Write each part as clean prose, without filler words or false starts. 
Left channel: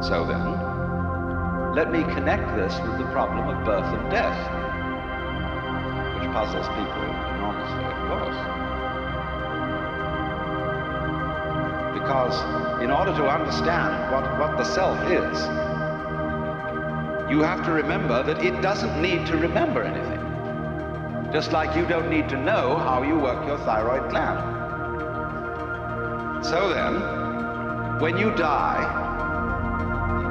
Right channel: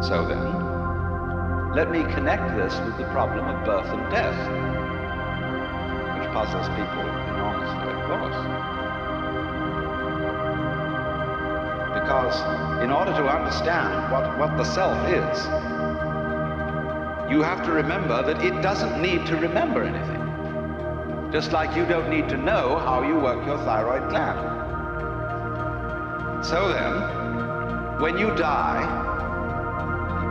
So then, let me connect this with the problem of birth and death, which puzzles people enormously, of course. Because in order to understand what the self is, you have to remember that it doesn't need to remember anything. Just like you don't need to know how you work your thyroid gland. So then, when you die,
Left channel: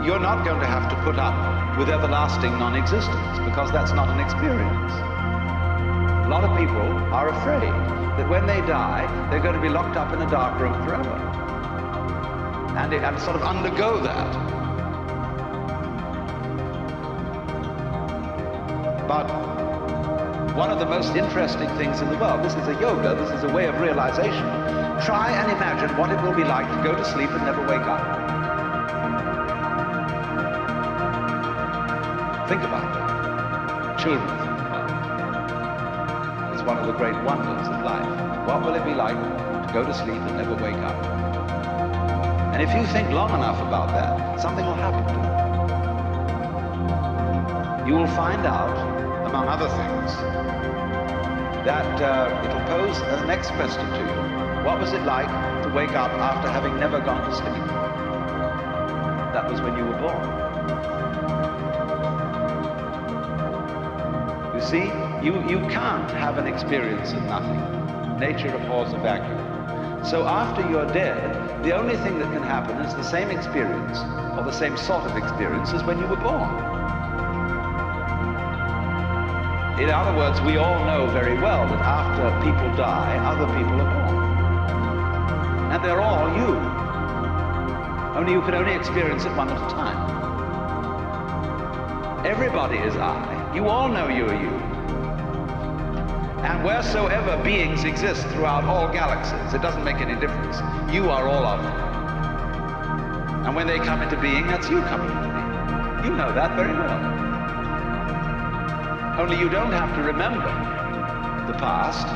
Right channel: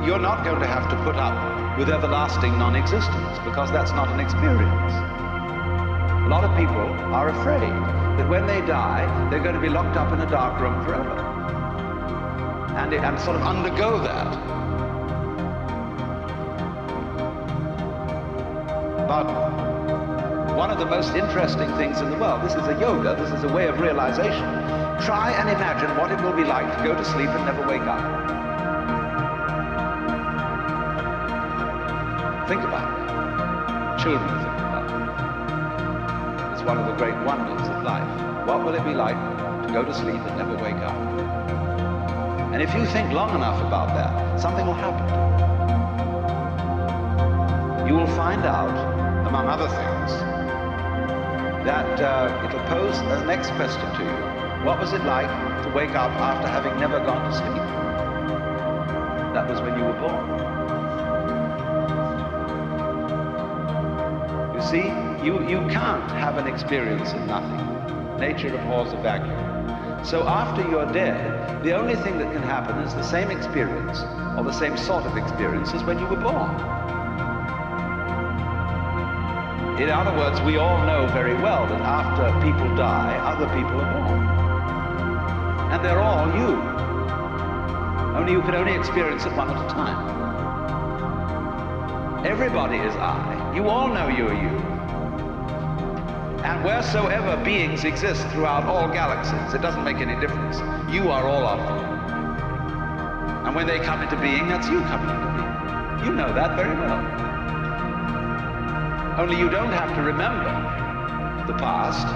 you're not going to have to put up with everlasting non-existence, because that's not an experience. A lot of people are afraid that when they die, they're going to be locked up in a dark room forever. And sort of undergo that. But one of the most interesting things in the world, this is a yoga, this is a way of realization. Try and imagine what it will be like to go to sleep and never wake up. Think about that. Children think about it. It's one of the great wonders of life. What will it be like to go to sleep and never wake up? And if you think long enough about that, something will happen to you. You will find out, among other things, that it'll pose the next question to you. What was it like to wake up after having never gone to sleep? That was when you were born. You see, you can't have an experience of nothing. Nature abhors a vacuum. So after you're dead, the only thing that can happen is the same experience, or the same sort of experience as when you were born. In other words, we all know very well that after people die, other people are born. And they're all you. Only you can only experience it one at a time. Everybody is I. You all know you are you. And wheresoever beings exist throughout all galaxies, it doesn't make any difference. You are all of them. And when they come into being, that's you coming into being. You know that very well. Only you don't have to remember the past.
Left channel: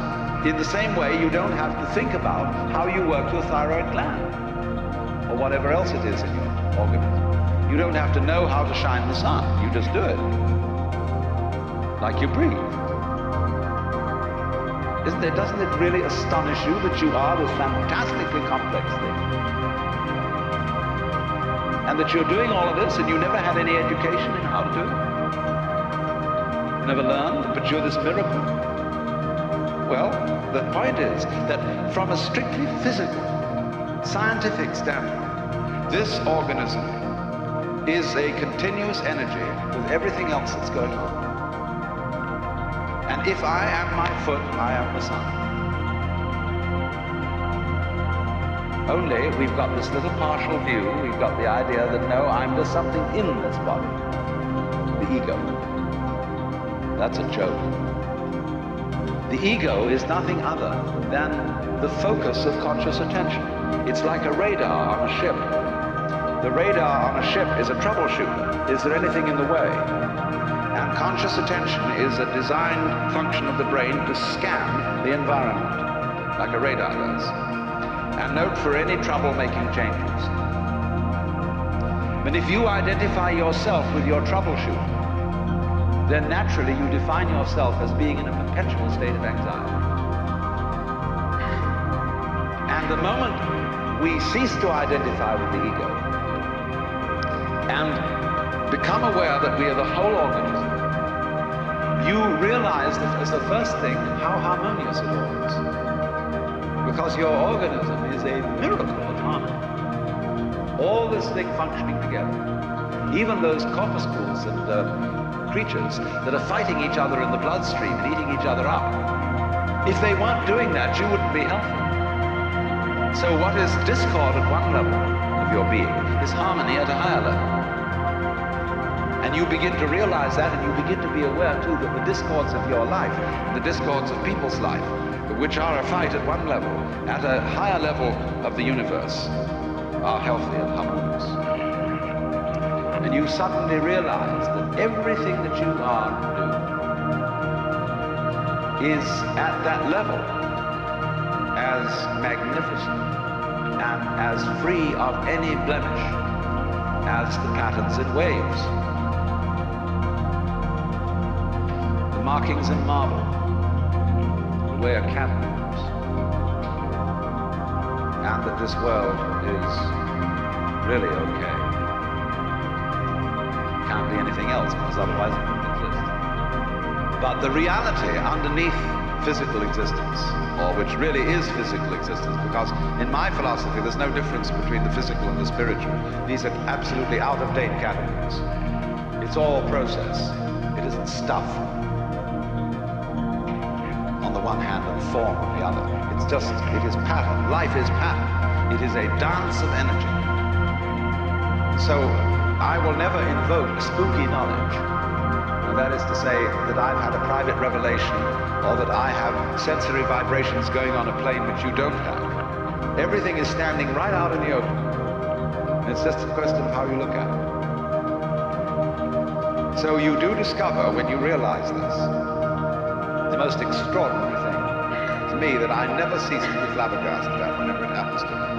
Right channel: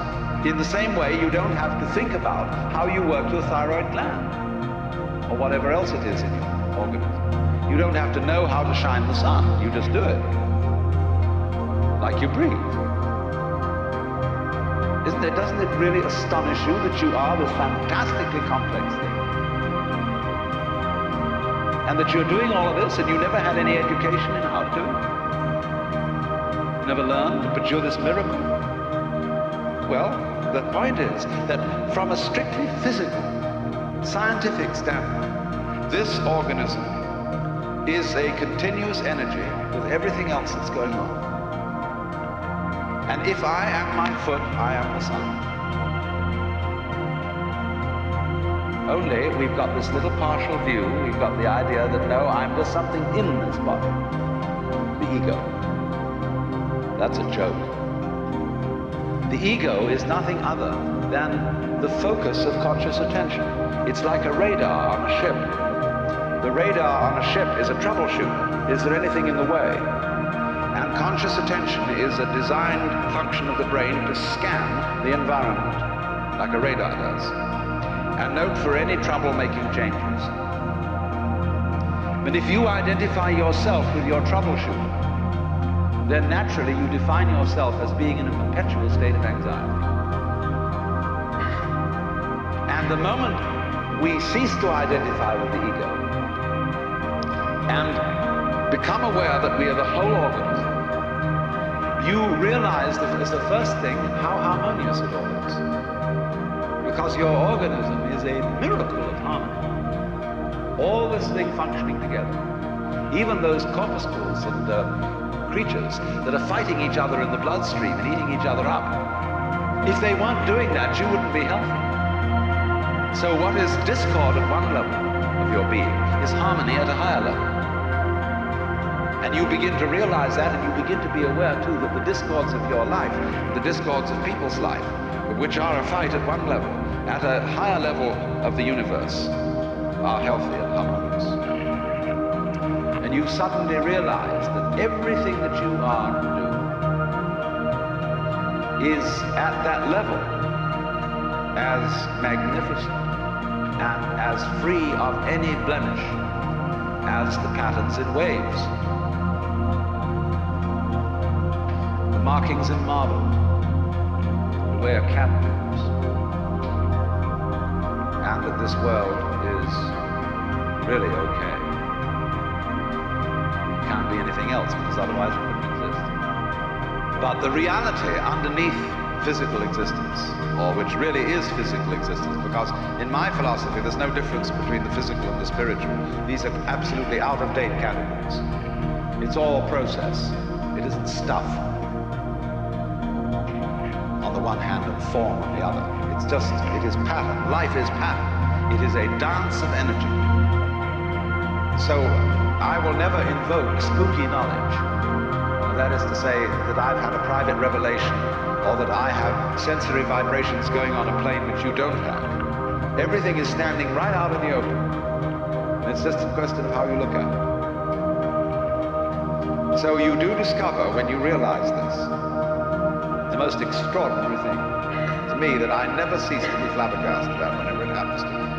In the same way, you don't have to think about how you work your thyroid gland or whatever else it is in your organism. You don't have to know how to shine the sun. You just do it. Like you breathe. Doesn't it really astonish you that you are this fantastically complex thing? And that you're doing all of this and you never had any education in how to do it? You never learned, but you're this miracle? Well, the point is that from a strictly physical, scientific standpoint, this organism is a continuous energy with everything else that's going on. And if I am my foot, I am the sun. Only we've got this little partial view, we've got the idea that no, I'm just something in this body, the ego. That's a joke. The ego is nothing other than the focus of conscious attention. It's like a radar on a ship. The radar on a ship is a troubleshooter. Is there anything in the way? And conscious attention is a designed function of the brain to scan the environment, like a radar does, and note for any trouble-making changes. But if you identify yourself with your troubleshooter, then naturally you define yourself as being in a perpetual state of anxiety. And the moment we cease to identify with the ego and become aware that we are the whole organism, you realize that as the first thing how harmonious it all is. Because your organism is a miracle of harmony. All this thing functioning together. Even those corpuscles and creatures that are fighting each other in the bloodstream and eating each other up. If they weren't doing that, you wouldn't be healthy. So what is discord at one level of your being is harmony at a higher level. And you begin to realize that, and you begin to be aware too that the discords of your life, the discords of people's life, which are a fight at one level, at a higher level of the universe, are healthy and harmonious. And you suddenly realize that everything that you are and do is at that level as magnificent and as free of any blemish as the patterns in waves, the markings in marble, the way a cat moves, and that this world is really okay. It can't be anything else, because otherwise it couldn't exist. But the reality underneath physical existence, or which really is physical existence, because in my philosophy there's no difference between the physical and the spiritual. These are absolutely out-of-date categories. It's all process. It isn't stuff on the one hand and form on the other. It's just, it is pattern. Life is pattern. It is a dance of energy. So I will never invoke spooky knowledge. Now, that is to say that I've had a private revelation, or that I have sensory vibrations going on a plane which you don't have. Everything is standing right out in the open. And it's just a question of how you look at it. So you do discover, when you realize this, the most extraordinary thing to me that I never cease to be flabbergasted at whenever it happens to me.